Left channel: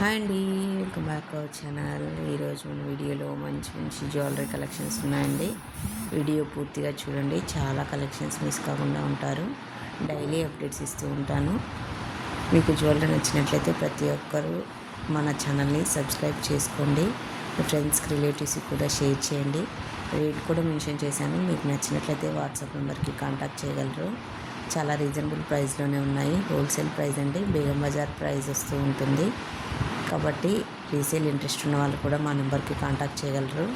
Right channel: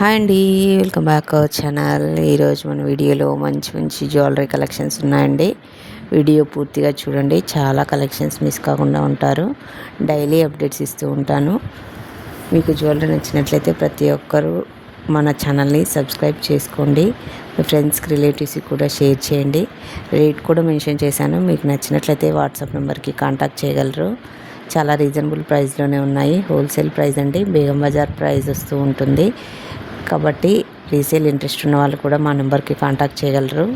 హాయ్ అండి, welcome back our channel. ఈరోజు మన వీడియోలో మంచి మంచి జ్యువెలరీ కలెక్షన్స్ ఉన్నాయండి. వీడియో పూర్తిగా చూడండి, చాలా కలెక్షన్స్ మిస్ కాకుండా ఉంటారు. డైలీ అప్డేట్స్ ఇస్తూ ఉంటాను. మీకు జ్యువెలరీ నచ్చినట్లయితే ప్రతి ఒక్కరూ మన ఛానల్ని సబ్స్క్రైబ్ చేసుకోండి. మీ ఫ్రెండ్స్కి రిలేటివ్స్కి కూడా షేర్ చేయండి. రేట్ కూడా మెన్షన్ చేశాను, మీకు నచ్చినట్లయితే వాట్సాప్ నెంబర్కి కాంటాక్ట్ చేయగలరు. చాలా రీజనబుల్ ప్రైస్లోనే ఉన్నాయి. హోల్సేల్ ప్రైస్ అండి, బేగం బజార్ ప్రైస్ వస్తూ ఉంటుంది. కాబట్టి రీసేల్ ఇంట్రెస్ట్ ఉన్న వాళ్ళు కూడా మా నెంబర్కి కాంటాక్ట్ చేయగలరు.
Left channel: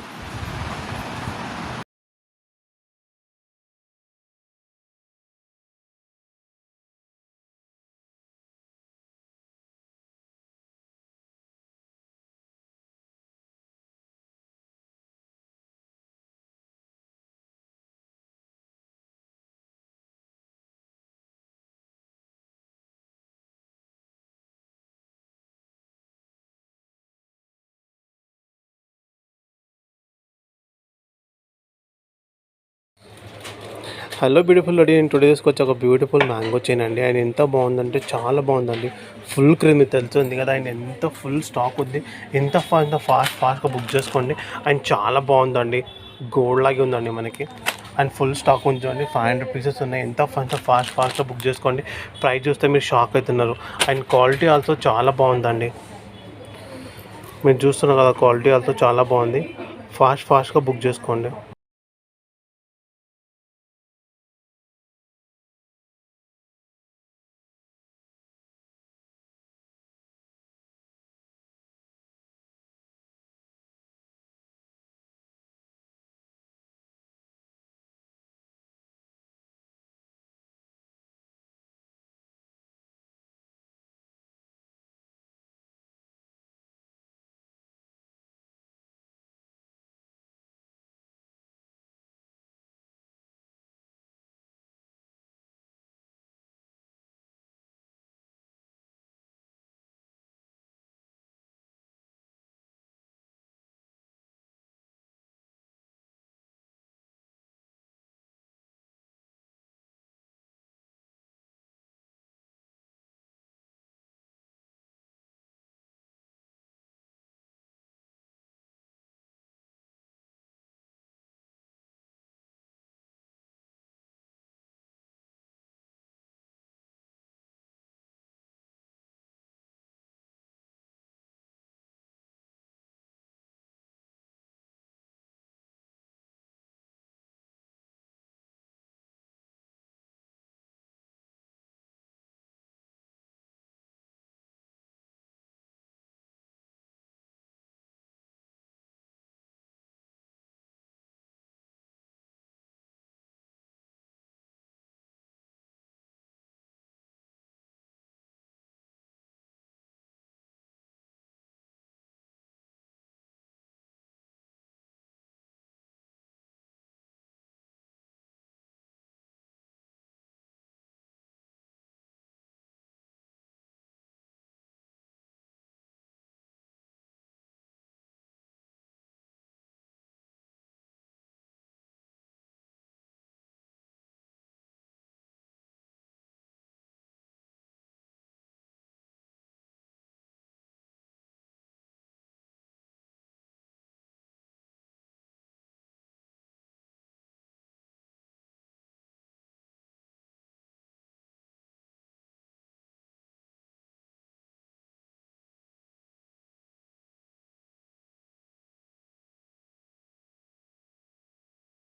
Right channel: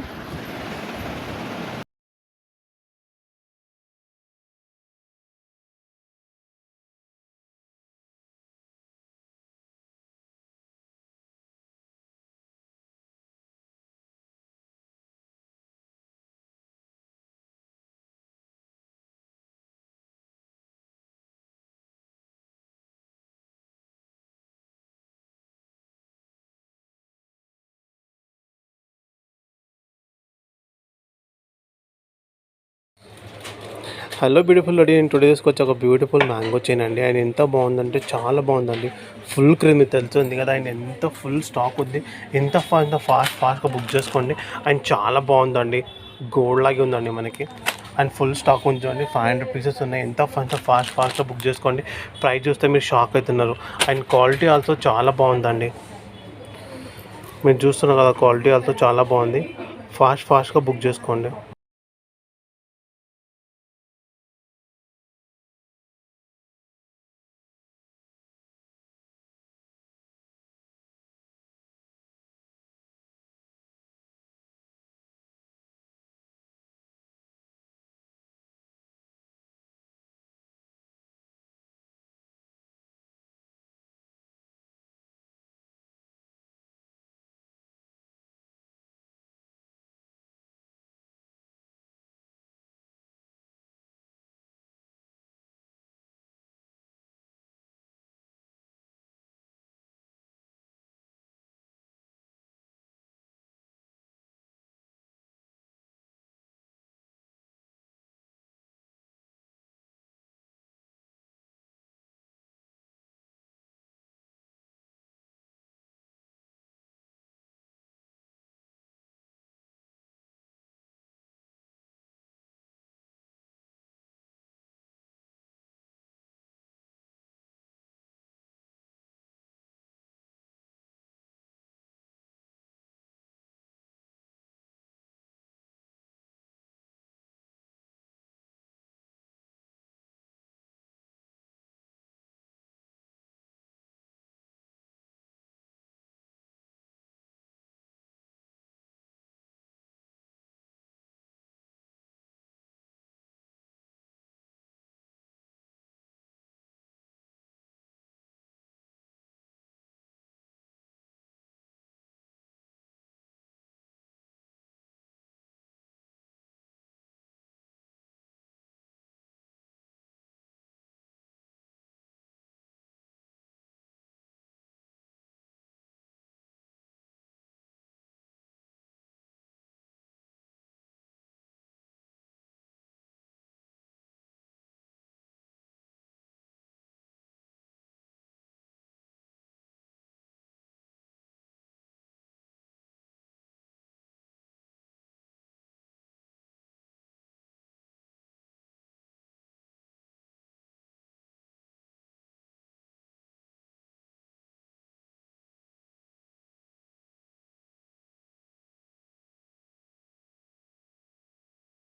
హలో బ్యూటిఫుల్ రెడీ నేను టుడేస్కి వచ్చి ఒక బ్యూటిఫుల్ మ్యాంగో చైన్ అండి. ఆయన ఎంత బాగుందంటే చాలా బాగుందండి. ఫుల్ క్రీమ్ తెలుస్తుంది కదా, ఆయన ఎంత ఫుల్ స్టాక్ ఉంది. ఎంత ఫాస్ట్గా బుక్ చేసుకోండి. ఆయన చాలా బాగుందండి, గోల్డ్ లాగే ఉందండి మనకి. అండ్ ఫుల్ స్టాక్ ఉంచండి. 500 పీసెస్ ఉన్నాయి. ఎంత ఫాస్ట్గా బుక్ చేసుకోండి. ప్రైస్ చూస్తే మీరు షాక్ అవుతున్నారు. అండ్ క్వాలిటీ ఆల్సో చాలా బాగుందండి. మీరు చూస్తున్నారు కదా, క్వాలిటీ ఆల్సో చాలా బాగుంది. ఫాస్ట్గా బుక్ చేసుకోండి.